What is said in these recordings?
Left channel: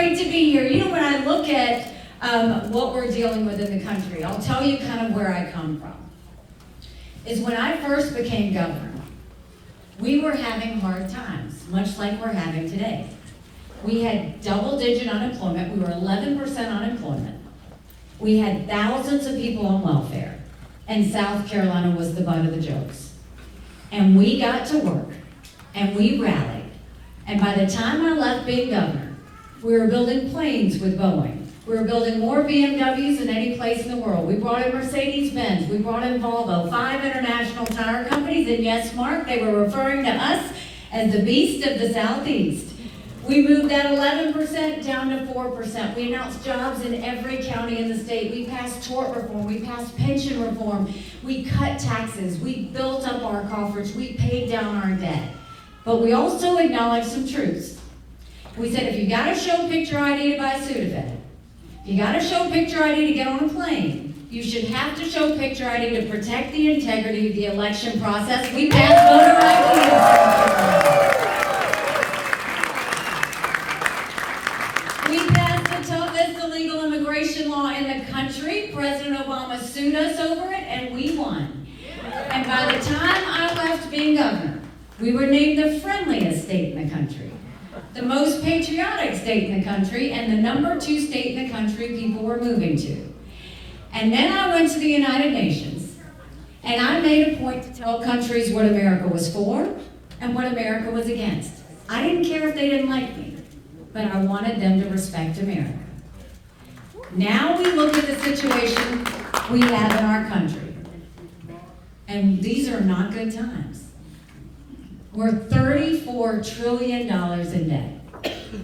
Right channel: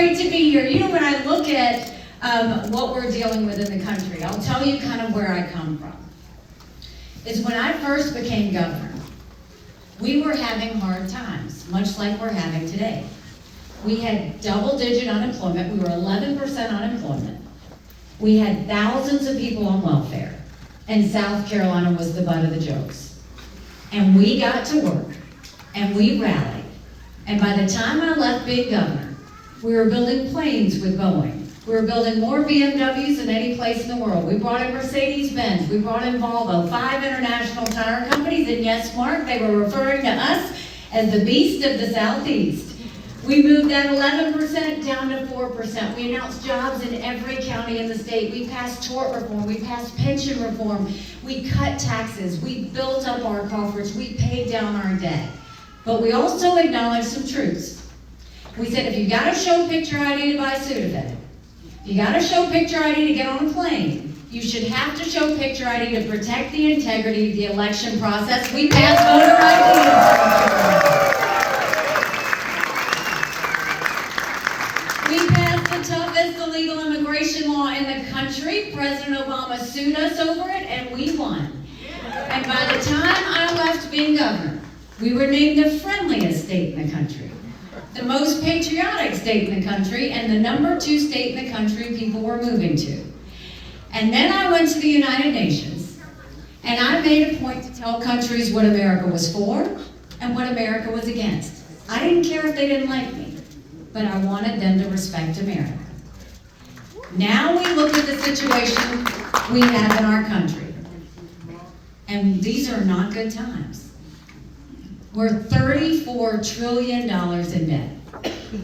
great to be here. You know, when I look at what we're dealing with in the country, I'll tell you kind of where I come from. Is when I first became governor, we were having hard times, much like we're having today. We had double-digit unemployment. We were 11% unemployment. We had thousands of people on welfare, and South Carolina was the butt of the jokes. And we got to work, and we rallied. And by the time I left being governor, we were building planes with Boeing. We were building more BMWs than any place in the world. We brought in Mercedes-Benz. We brought in Volvo, 5 international tire companies, and yes, Mark, they were referring to us as the beast of the Southeast. We moved that 11% down to 4%. We announced jobs in every county in the state. We passed tort reform. We passed pension reform. We cut taxes. We built up our coffers. We paid down our debt. But we also acknowledged some truths. We said if you got to show picture ID to buy Sudafed, if you got to show picture ID to get on a plane, you should have to show picture ID to protect the integrity of the election process. We passed voter ID. We passed the toughest illegal immigration law in the country. President Obama sued us over it, and we won. And by the time I left being governor, we were named the friendliest state in the country, the most patriotic state in the country, and the #2 state in the country people were moving to. And then I went to the United Nations, and I made a point to tell countries what America was for and what America was against. I didn't care if they didn't like me, but I wanted them to respect America. Now we look at the situation we have in our country, and these are not good times. We're $34 trillion in debt.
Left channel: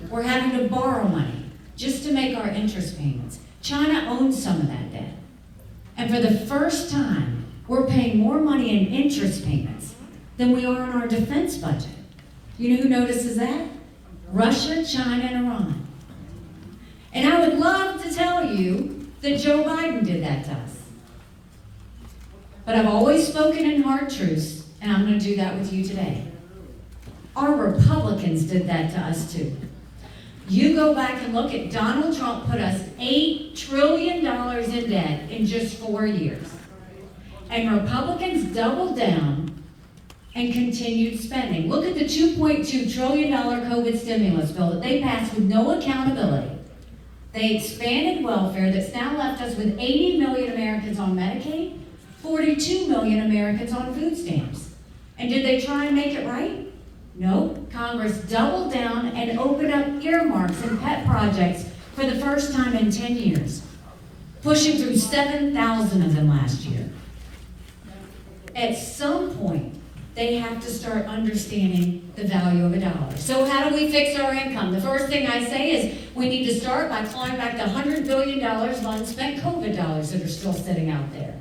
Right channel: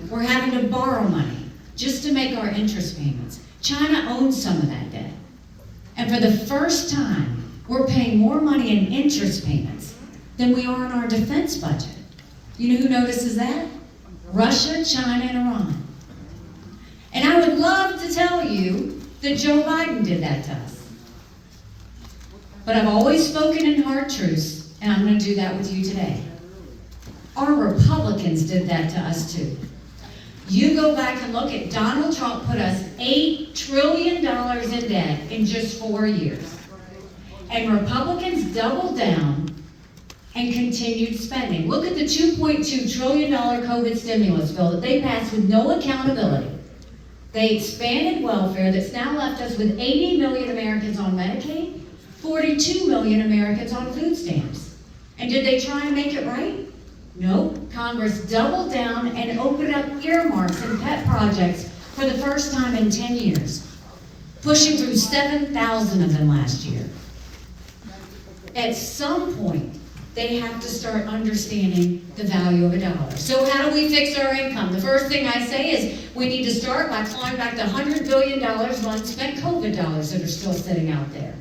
We're having to borrow money just to make our interest payments. China owns some of that debt. And for the first time, we're paying more money in interest payments than we are in our defense budget. You know who notices that? Russia, China, and Iran. And I would love to tell you that Joe Biden did that to us. But I've always spoken in hard truths, and I'm going to do that with you today. Our Republicans did that to us too. You go back and look at Donald Trump put us $8 trillion in debt in just 4 years. And Republicans doubled down and continued spending. Look at the $2.2 trillion COVID stimulus bill that they passed with no accountability. They expanded welfare that's now left us with 80 million Americans on Medicaid, 42 million Americans on food stamps. And did they try and make it right? No. Congress doubled down and opened up earmarks and pet projects for the first time in 10 years, pushing through 7,000 of them last year. At some point, they have to start understanding the value of a dollar. So how do we fix our income? The first thing I say is we need to start by clawing back the $100 billion of unspent COVID dollars that are still sitting out there.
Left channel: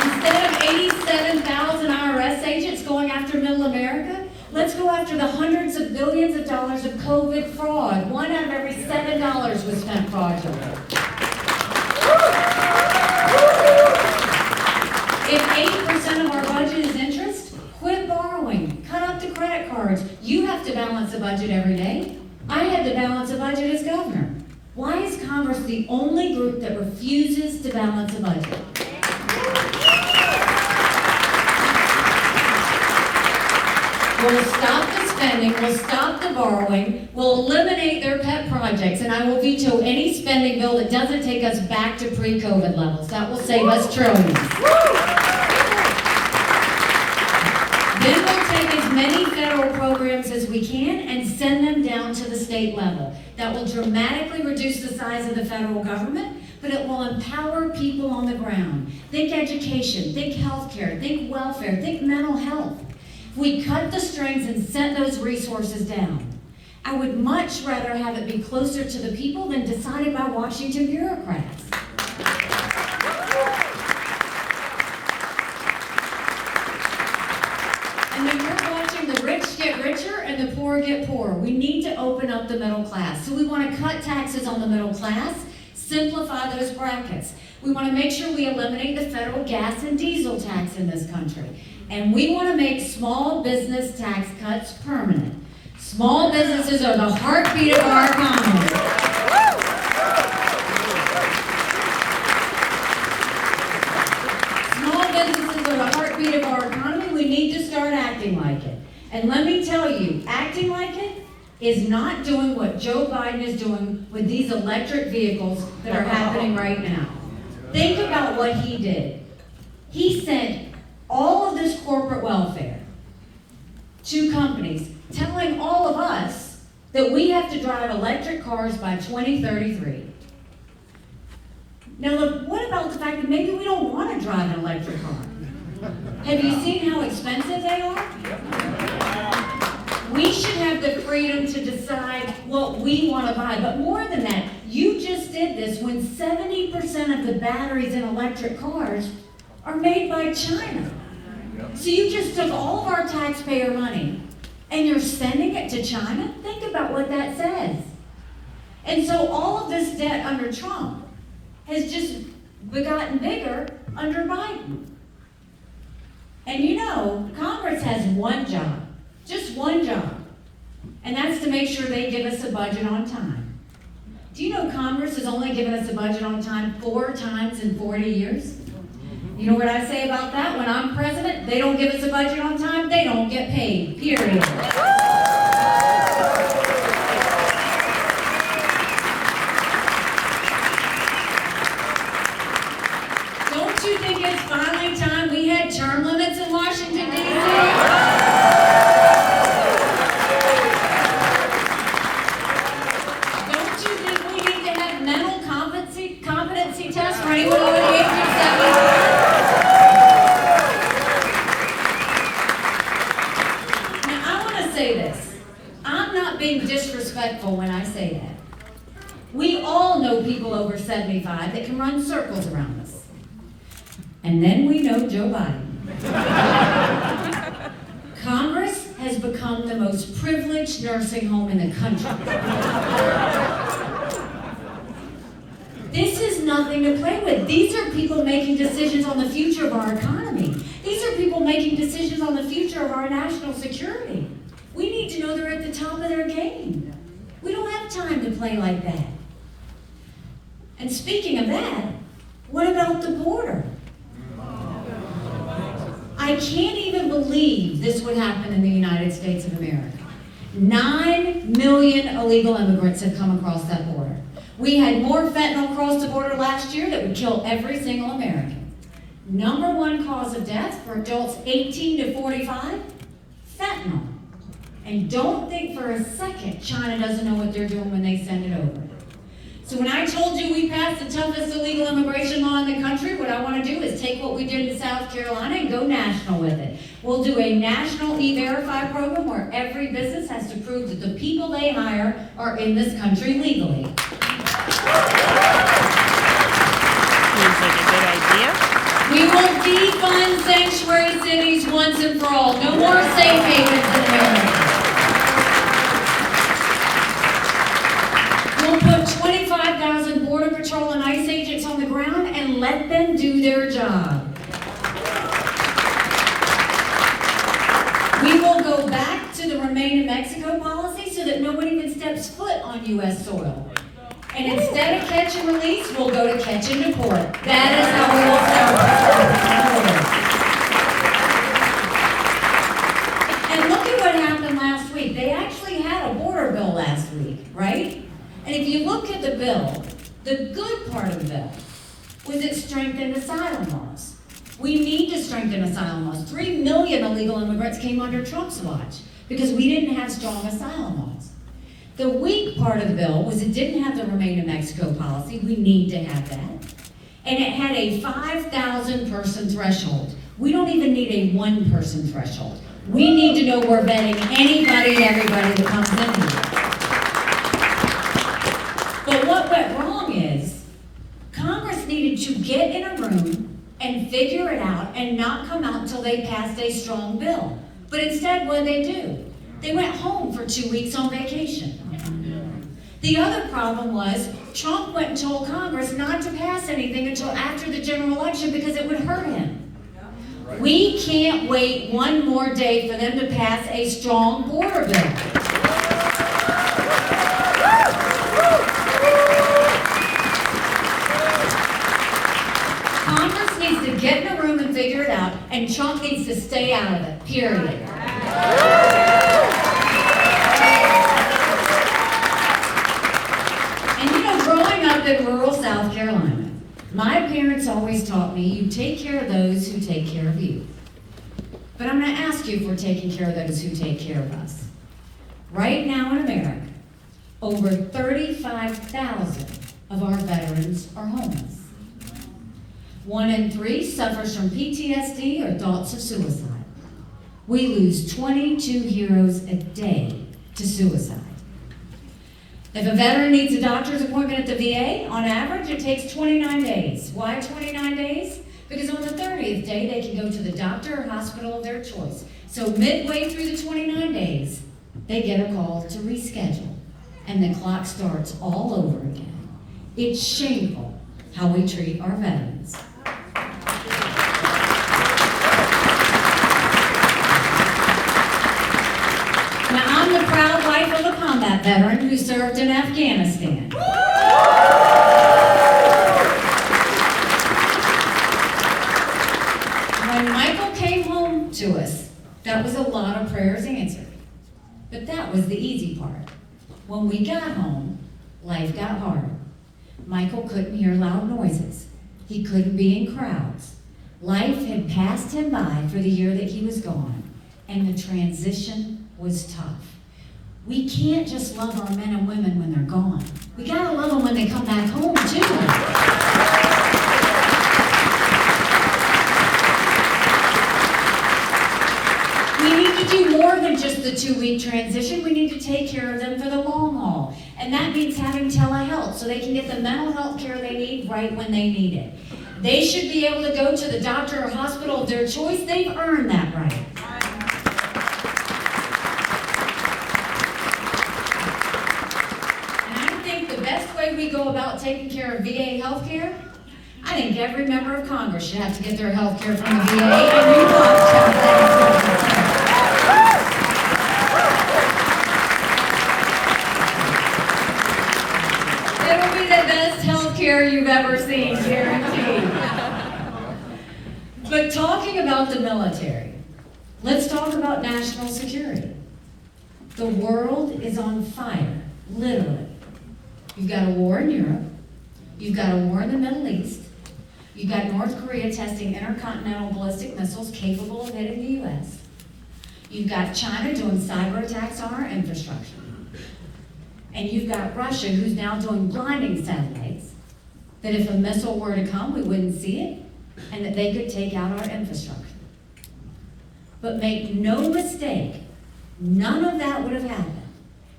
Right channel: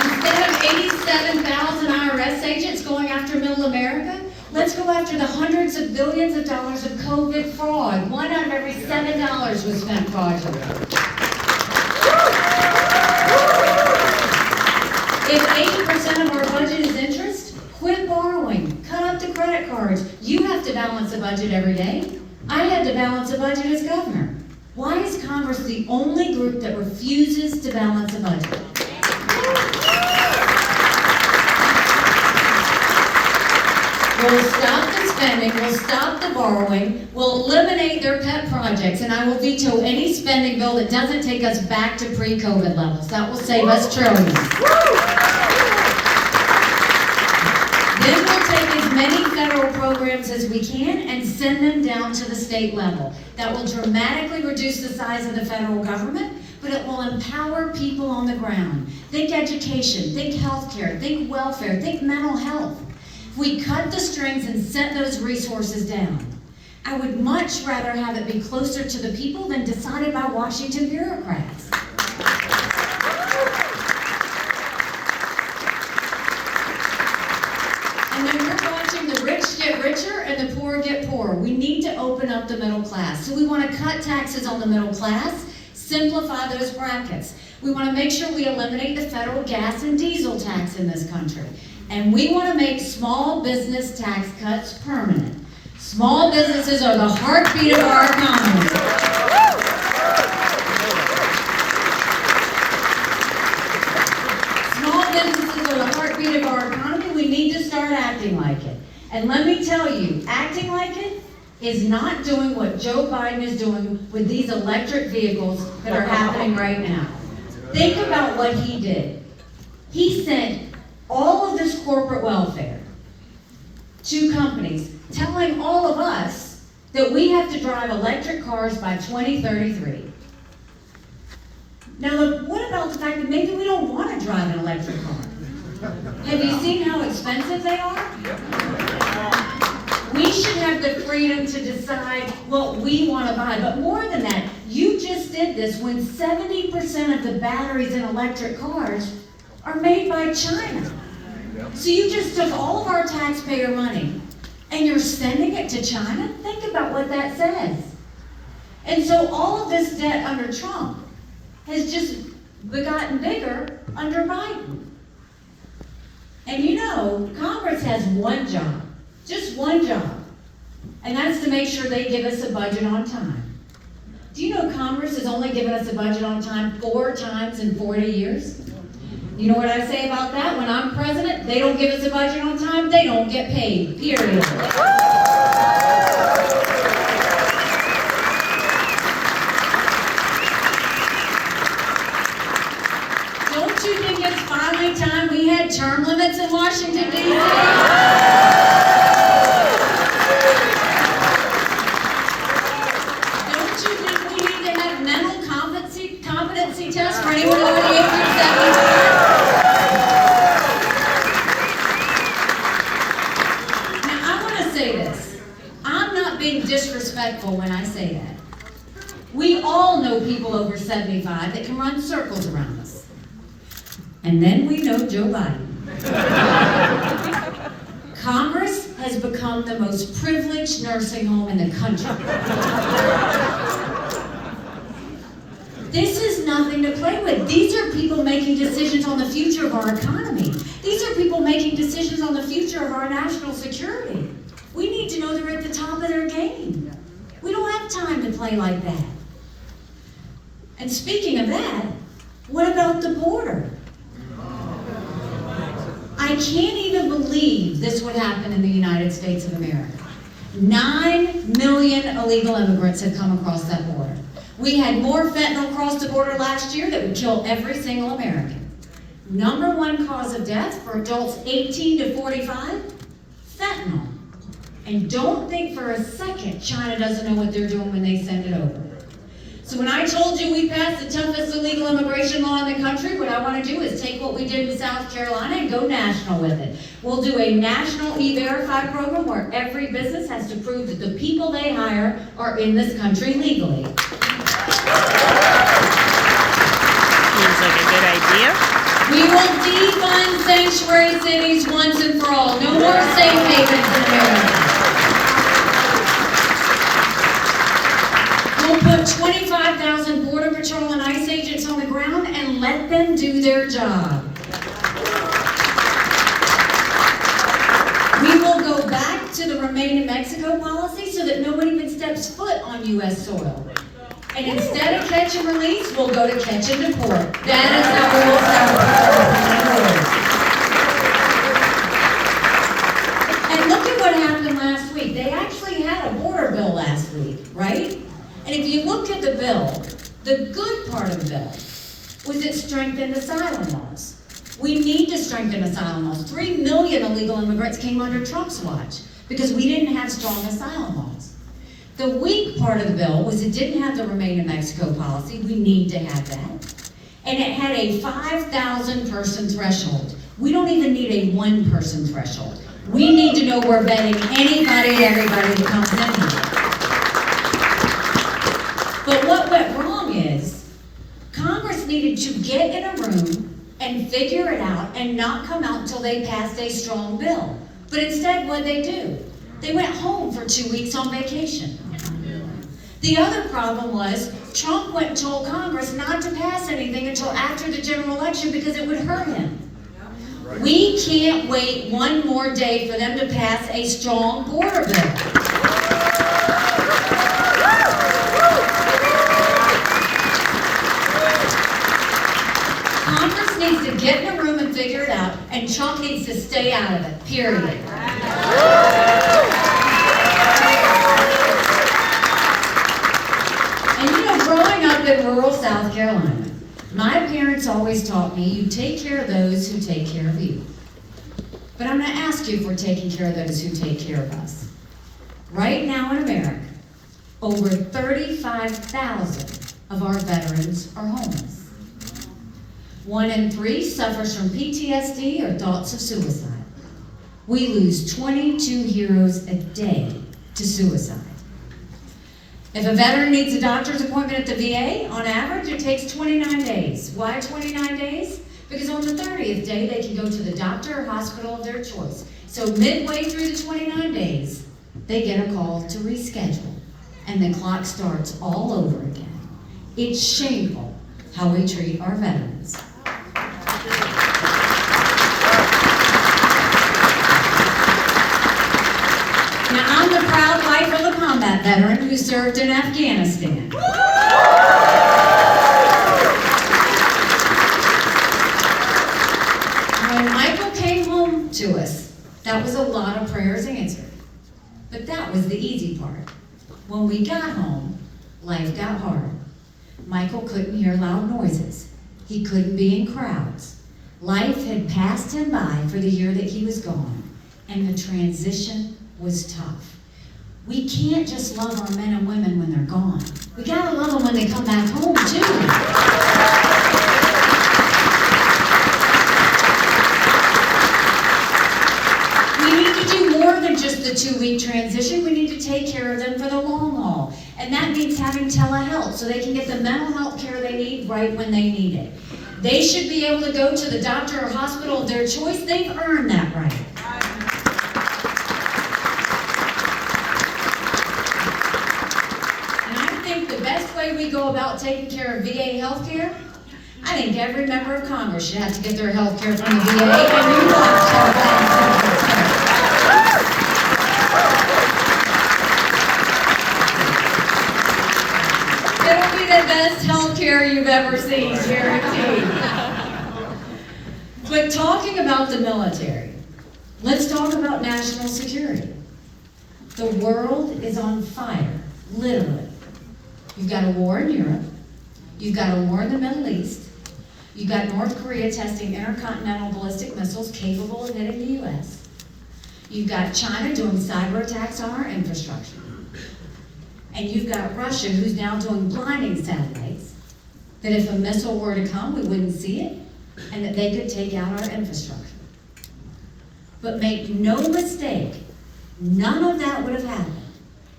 Instead of 87,000 IRS agents going after middle America, let's go after the hundreds of billions of dollars of COVID fraud. 1 out of every $7 was spent fraudulently. If 80% of our budget is interest, quit borrowing. Cut up the credit cards. You have to balance a budget every day. I had to balance a budget as governor. Why is Congress the only group that refuses to balance a budget? We'll stop the spending, we'll stop the borrowing, we'll eliminate their pet projects, and I will veto any spending bill that doesn't take us back to pre-COVID levels. That will save us trillions. Then we'll take as many federal programs as we can and send them down to the state level. That will dramatically reduce the size of the federal government, but it will empower people on the ground. Think education, think healthcare, think welfare, think mental health. We cut the strings and sent those resources down. I would much rather have it be closer to the people than decided by Washington bureaucrats. And then we're watching the rich get richer and the poor get poorer. We need to open up the middle class. So we want to cut taxes on the middle class, simplify those brackets. We want to make sure we eliminate the federal gas and diesel tax in this country. And we want to make small business tax cuts permanent. Small businesses are the heartbeat of our economy. Small businesses are the heartbeat of our economy. We need to start acting like it. And let me tell you, acting like it is not doing what Joe Biden is doing with these electric vehicles that are happening right now. Think about what he did. He sent all of this corporate welfare to companies, telling all of us that we have to drive electric cars by 2033. Now, look, what about the fact that maybe we don't want to drive an electric car? Have you seen how expensive they are? We should have the freedom to decide what we want to buy. But more than that, you just did this when 70% of the batteries in electric cars are made by China. So you just took all of our taxpayer money and you're sending it to China? Think about what that says. And so all of this debt under Trump has just gotten bigger under Biden. And you know, Congress has one job, just one job, and that's to make sure they give us a budget on time. Do you know Congress has only given us a budget on time 4 times in 40 years? You know what I say about that? When I'm president, they don't give us a budget on time, they don't get paid, period. Don't you think it's finally time we had term limits in Washington, D.C.? Don't you think we need to have mental competency tests for anyone over the age of 75? Being disrespectful when I say that. We all know people over 75 that can run circles around us. And then we know Joe Biden. Congress has become the most privileged nursing home in the country. This is nothing to play with. These are people making decisions on the future of our economy. These are people making decisions on the future of our national security. We need to know they're at the top of their game. We don't have time to play like that. And speaking of that, what about the border? I can't even believe this would happen in the United States of America. 9 million illegal immigrants have come across that border. We had more fentanyl cross the border last year that would kill every single American. Number 1 cause of death for adults 18 to 45, fentanyl. And don't think for a second China doesn't know what they're doing when they send it over. So when I told you we passed the toughest illegal immigration law in the country, what I want to do is take what we did in South Carolina and go national with it. We'll do a national E-Verify program where every business has to prove that the people they hire are in this country legally. Seems like a good idea. We will defund sanctuary cities once and for all. No more safe havens in America. We'll put 25,000 Border Patrol and ICE agents on the ground and let them do their job. We will go back to the Remain in Mexico policy so that no one even steps foot on U.S. soil. And instead of catch and release, we'll go to catch and deport. That is how we will start. And look at what happened last week. They actually had a border bill last week, right? And if you look at the bill, the good part of the bill was it strengthened asylum laws. We need to strengthen asylum laws. 3 million illegal immigrants came under Trump's watch because we didn't have strong asylum laws. The weak part of the bill was it didn't have the Remain in Mexico policy. We need to have that. And it had a 5,000 person threshold. We don't even need a 1 person threshold. We need to know we're vetting anybody and everybody that comes in here. But what went wrong is Congress needed to get in a room and figure it out and not come out until they passed a strong bill. But instead, what did they do? They went home for 2 weeks on vacation. The other problem was Trump went and told Congress not to pass anything until after the general election because it would hurt him. We can't wait one more day for them to pass a strong border bill. Congress needs to get in a room and figure it out, and Trump needs to stay out of it, period. And you know, growing up in rural South Carolina, my parents always taught me, you take care of those who take care of you. But I'm going to ask you if we're taking care of those who take care of us. Right now in America, over 35,000 of our veterans are homeless. 1 in 3 suffers from PTSD or thoughts of suicide. We lose 22 heroes a day to suicide. If a veteran needs a doctor's appointment at the VA, on average it takes 29 days. Why 29 days? Because on the 30th day they can go to the doctor or hospital of their choice. So midway through the 29 days, they get a call to reschedule. And the clock starts all over again. It's shameful how we treat our veterans. Now, I'm the proud wife of a combat veteran who served in Afghanistan. When Michael came home to us, that was a lot of prayers answered. But that was the easy part. When we got home, life got hard. Michael couldn't hear loud noises. He couldn't be in crowds. Life had passed him by for the year that he was gone, and the transition was tough. We can't just love our men and women when they're gone. We gotta love them when they come back home, too. We need to do more than just the 2-week transition. We need to take care of them for the long haul. And that means having telehealth so they can get the mental health care they need right when they need it. They should be able to go to the doctor or hospital of their choice. They've earned that right. The best way we go about taking care of VA health care, I think every member of Congress should have to get their health care from the VA, and you want it'll be the best health care you've ever seen, guaranteed. But talking about the military, let's talk about national security. The world is on fire, literally. You've got a war in Europe. You've got a war in the Middle East. You've got North Korea testing intercontinental ballistic missiles capable of hitting the U.S. You've got China doing cyber attacks on our infrastructure. And you've got Russia, who's now doing blinding satellites, that if a missile were to come, we wouldn't see it, and that they could take out our infrastructure. But make no mistake, none of that would have happened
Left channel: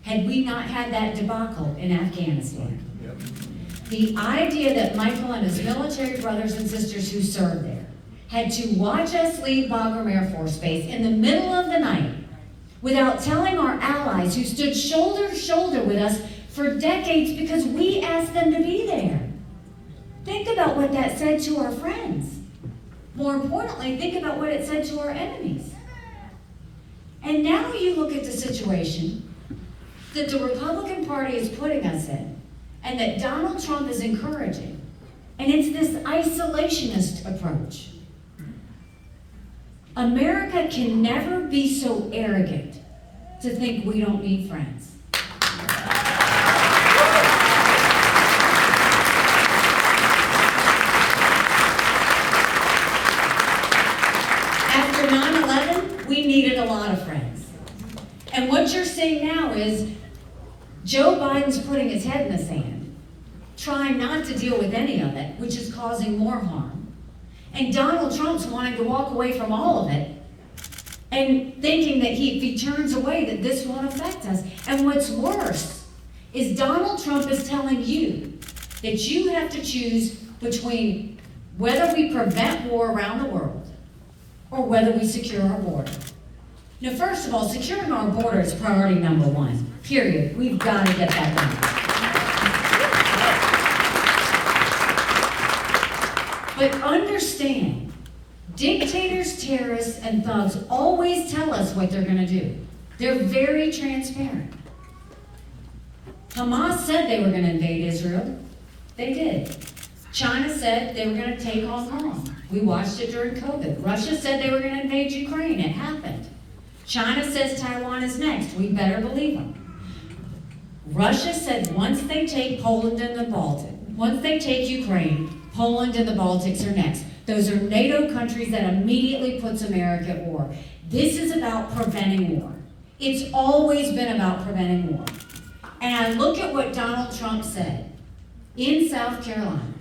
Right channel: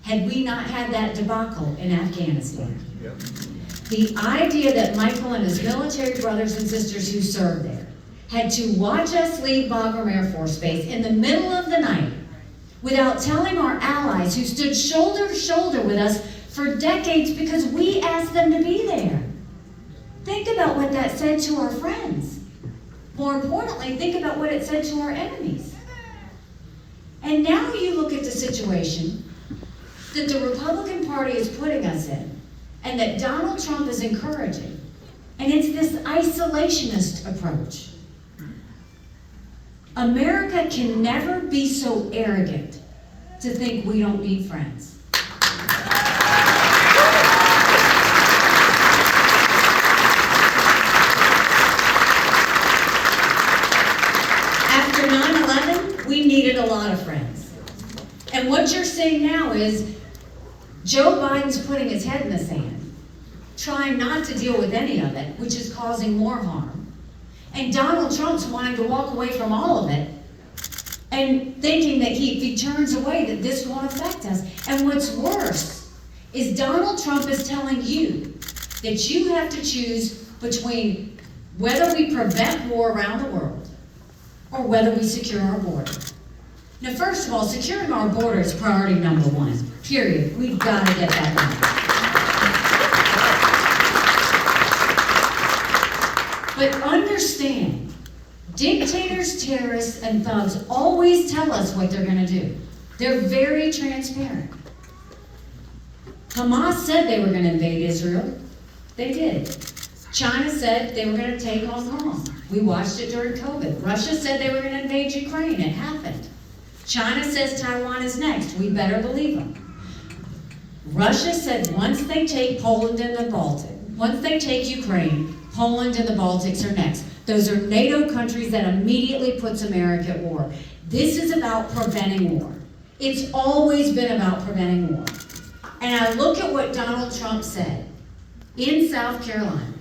had we not had that debacle in Afghanistan. Yep. The idea that Michael and his military brothers and sisters who served there had to watch us leave Bagram Air Force Base in the middle of the night without telling our allies who stood shoulder to shoulder with us for decades because we asked them to be there. Think about what that said to our friends. More importantly, think about what it said to our enemies. And now you look at the situation that the Republican Party is putting us in, and that Donald Trump is encouraging, and it's this isolationist approach. America can never be so arrogant to think we don't need friends. After 9/11, we needed a lot of friends. And what you're seeing now is Joe Biden's putting his head in the sand, trying not to deal with any of it, which is causing more harm. And Donald Trump's wanting to walk away from all of it and thinking that if he turns away, that this won't affect us. And what's worse is Donald Trump is telling you that you have to choose between whether we prevent war around the world or whether we secure our border. Now, first of all, securing our border is priority number 1, period. We've got to get that done. But understand, dictators, terrorists, and thugs always tell us what they're going to do. They're very transparent. Hamas said they were going to invade Israel. They did. China said they were going to take Hong Kong. We watched it during COVID. Russia said they were going to invade Ukraine. It happened. China says Taiwan is next. We better believe them. Russia said once they take Poland and the Baltic, once they take Ukraine, Poland and the Baltics are next. Those are NATO countries that immediately puts America at war. This is about preventing war. It's always been about preventing war. And I look at what Donald Trump said in South Carolina.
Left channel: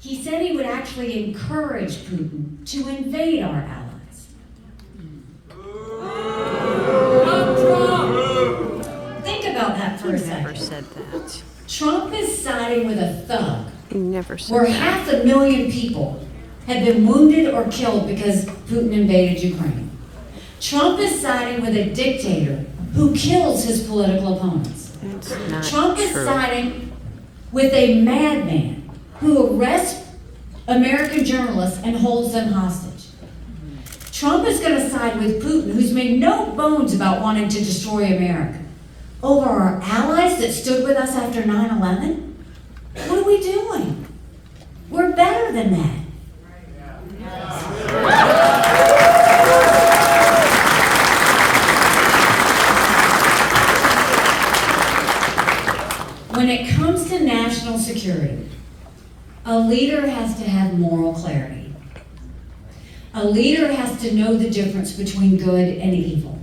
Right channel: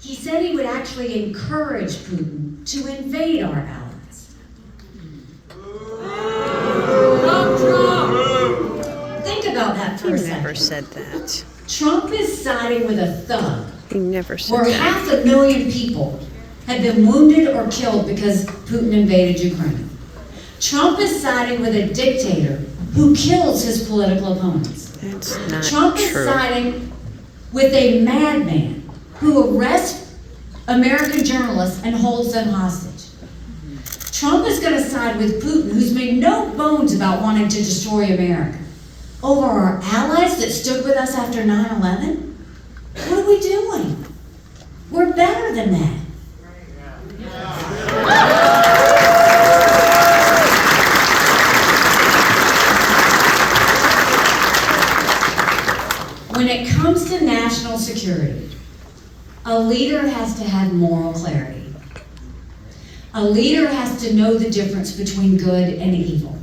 He said he would actually encourage Putin to invade our allies. Think about that for a second. He never said that. Trump is siding with a thug. He never said where that. 500,000 people have been wounded or killed because Putin invaded Ukraine. Trump is siding with a dictator who kills his political opponents. That's not Trump true. is siding with a madman who arrests American journalists and holds them hostage. Trump is going to side with Putin, who's made no bones about wanting to destroy America, over our allies that stood with us after 9/11? What are we doing? We're better than that. When it comes to national security, a leader has to have moral clarity. A leader has to know the difference between good and evil.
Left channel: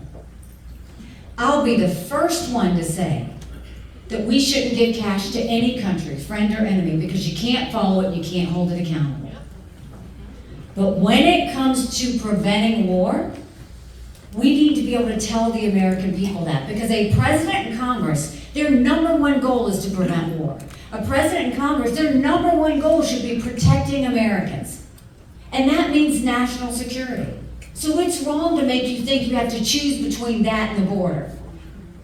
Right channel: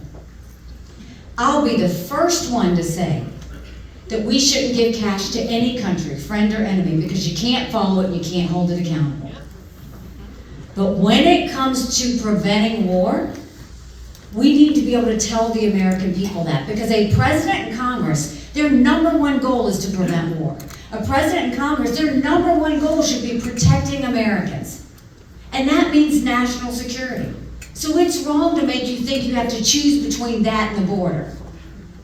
I'll be the first one to say that we shouldn't give cash to any country, friend or enemy, because you can't follow it and you can't hold it accountable. But when it comes to preventing war, we need to be able to tell the American people that, because a president and Congress, their number one goal is to prevent war. A president and Congress, their number one goal should be protecting Americans. And that means national security. So it's wrong to make you think you have to choose between that and the border.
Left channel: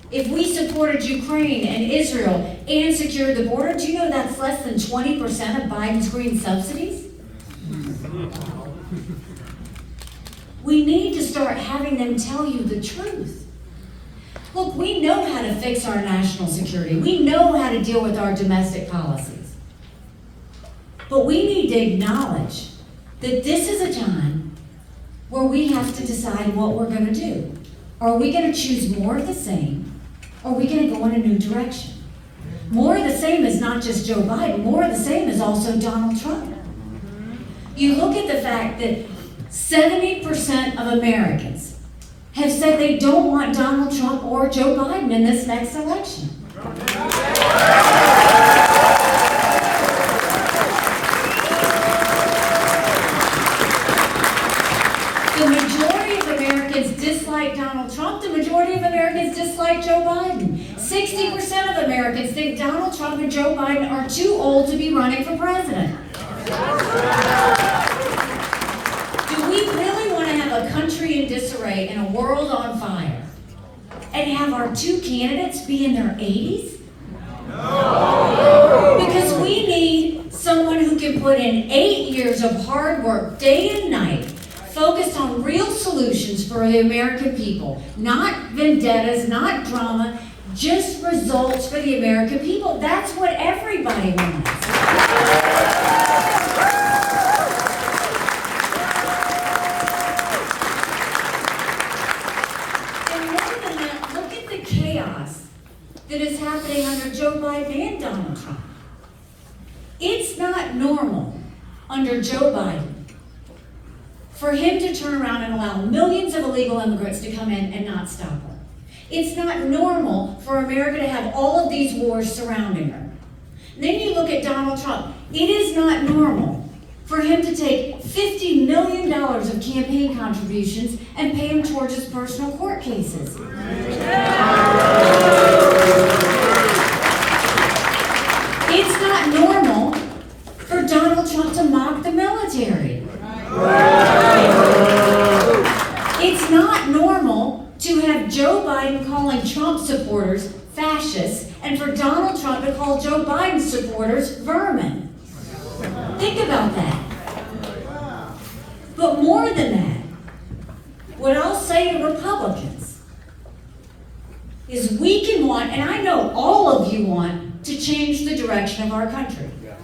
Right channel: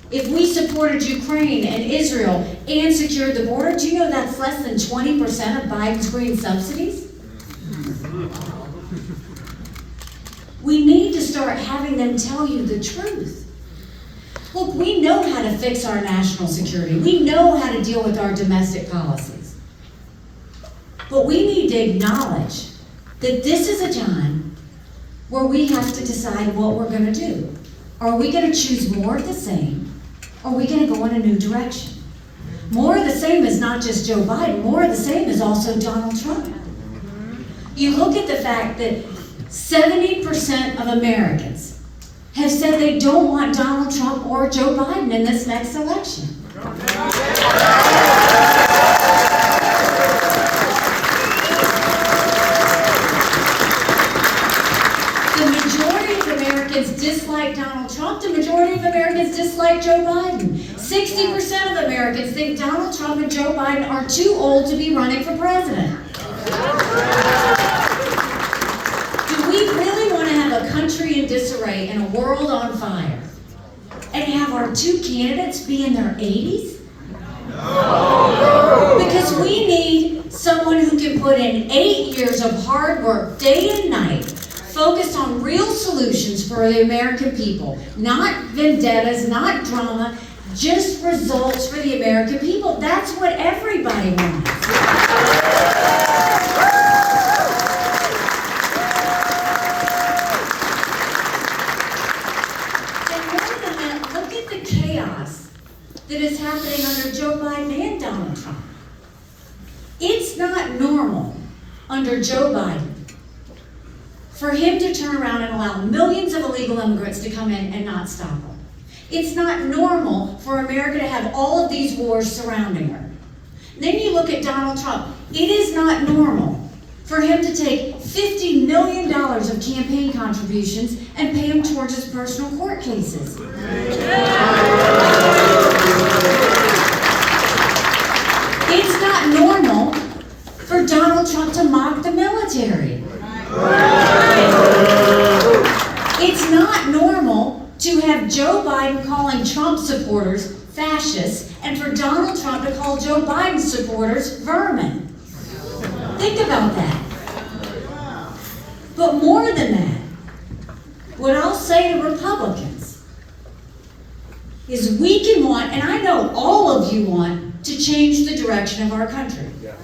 If we supported Ukraine and Israel and secured the border, do you know that's less than 20% of Biden's green subsidies? We need to start having them tell you the truth. Look, we know how to fix our national security. We know how to deal with our domestic policies. But we need to acknowledge that this is a time where we have to decide what we're going to do. Are we going to choose more of the same? Or are we going to go in a new direction? More of the same is not just Joe Biden. More of the same is also Donald Trump. You look at the fact that 70% of Americans have said they don't want Donald Trump or Joe Biden in this next election. The majority of Americans dislike Donald Trump. The majority of Americans dislike Joe Biden. 60% of Americans think Donald Trump and Joe Biden are too old to be running for president. Do we really want to have a country in disarray and a world on fire and have our two candidates be in their 80s? No. Because we need someone who can put in 8 years of hard work, day and night, focused on real solutions for the American people. Not vendettas, not drama, just results for the American people. That's what everybody wants. Look at the chaos that is happening under Joe Biden and Donald Trump. It's not normal under Joe Biden for him to turn around and allow millions of illegal immigrants to come in and not stop them. It's not normal for America to have all of these wars surrounding her. Then you look at Donald Trump. It is not normal for him to take $50 million of campaign contributions and pay them towards his personal court cases. It's not normal for Donald Trump to mock the military. It's not normal to have Joe Biden calling Trump supporters fascists and for Donald Trump to call Joe Biden supporters vermin. Think Think about that. But more than that, what I'll say to Republicans is we can want, and I know all of you want, to change the direction of our country. And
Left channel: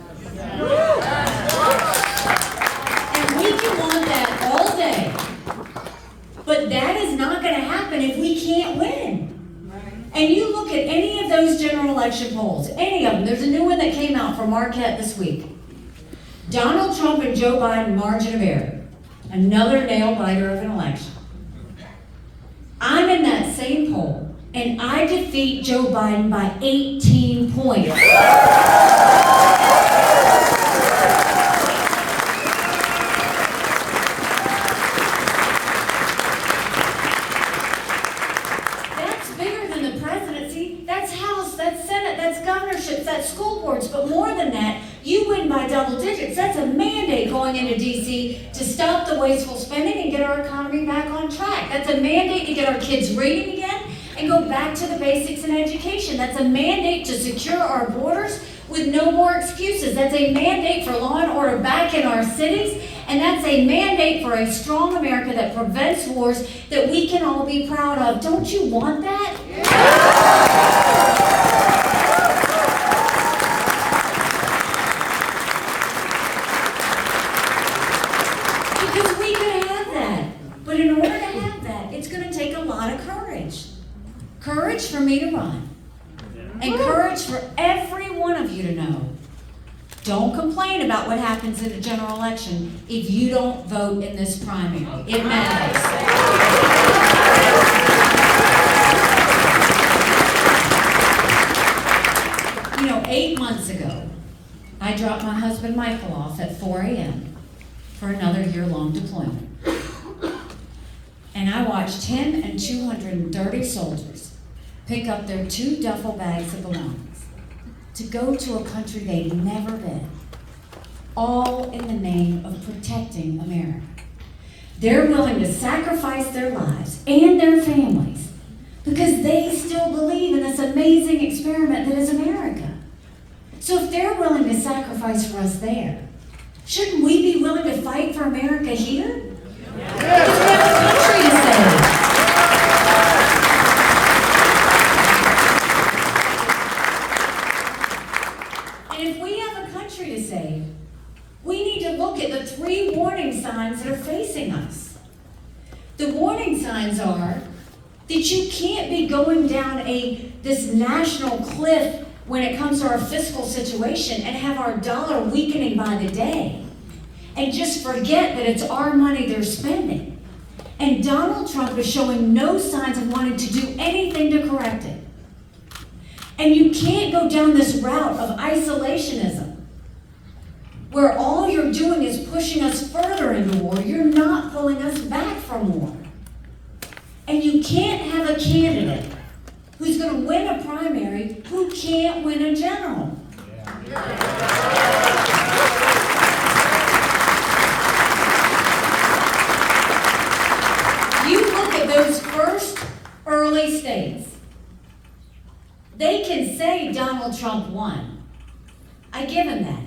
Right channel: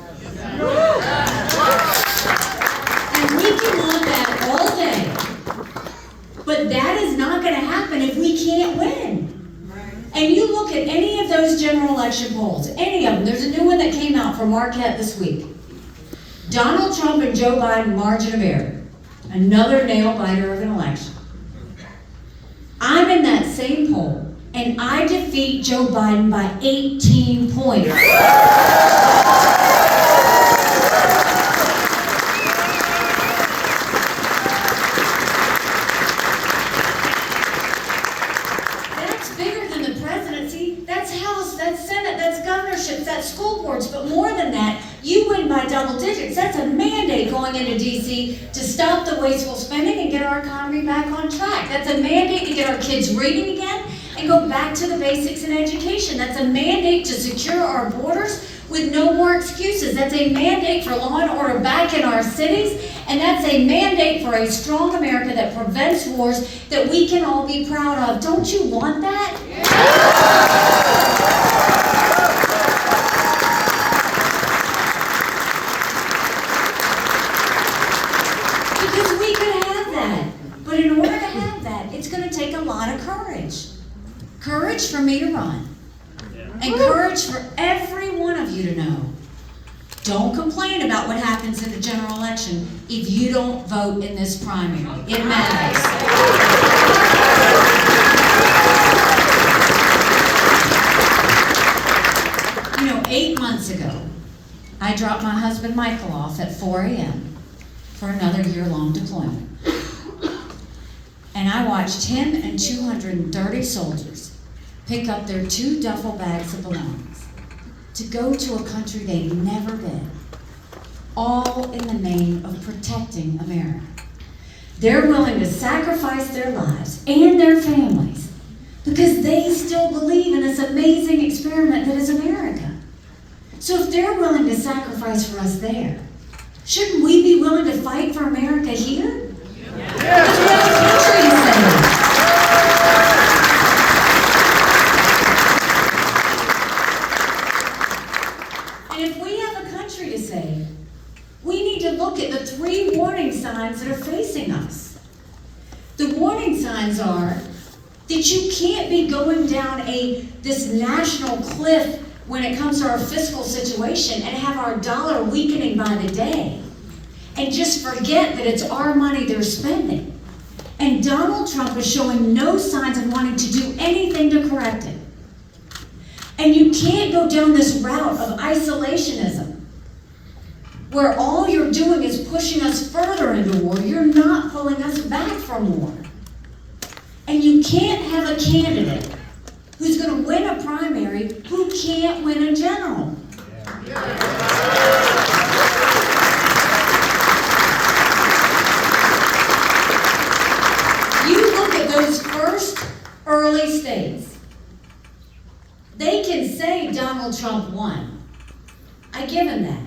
we can want that all day. But that is not going to happen if we can't win. And you look at any of those general election polls, any of them. There's a new one that came out from Marquette this week. Donald Trump and Joe Biden, margin of error. Another nail-biter of an election. I'm in that same poll, and I defeat Joe Biden by 18 points. That's bigger than the presidency. That's House, that's Senate, that's governorships, that's school boards. But more than that, you win by double digits. That's a mandate going into DC to stop the wasteful spending and get our economy back on track. That's a mandate to get our kids reading again and go back to the basics in education. That's a mandate to secure our borders with no more excuses. That's a mandate for law and order back in our cities. And that's a mandate for a strong America that prevents wars that we can all be proud of. Don't you want that? Because we could have that. But in order to have that, it's going to take a lot of courage. Courage for me to run. And courage for every one of you to know. Don't complain about what happens in the general election if you don't vote in this primary. It matters. You know, 8 months ago, I dropped my husband Michael off at 4 a.m. for another year-long deployment. And I watched him and 230 soldiers pick up their 2 duffel bags of belongings to go to a country they'd never been, all in the name of protecting America. They're willing to sacrifice their lives and their families because they still believe in this amazing experiment that is America. So if they're willing to sacrifice for us there, shouldn't we be willing to fight for America here? Because we have a country to save. And if we have a country to save, we need to look at the 3 warning signs that are facing us. The warning signs are that you can't be going down this national cliff when it comes to our fiscal situation and have our dollar weakening by the day and just forget that it's our money they're spending. And Donald Trump is showing no signs of wanting to do anything to correct it. And you can't go down this route of isolationism, where all you're doing is pushing us further into war. You're not pulling us back from war. And you can't have a candidate who's going to win a primary who can't win a general. You look at those first early states. They can say Donald Trump won. I give him that.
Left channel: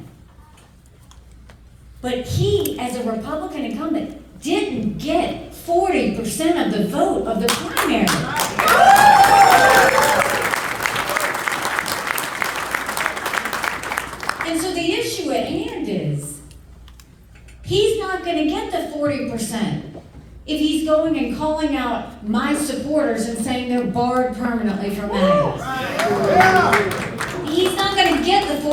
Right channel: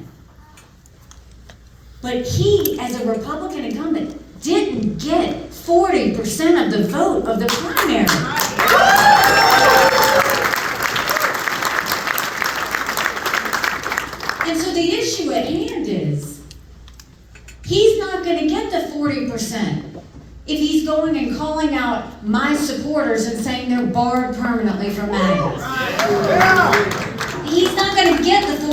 But he, as a Republican incumbent, didn't get 40% of the vote of the primary. And so the issue at hand is, he's not going to get the 40% if he's going and calling out my supporters and saying they're barred permanently from MAGA. He's not going to get the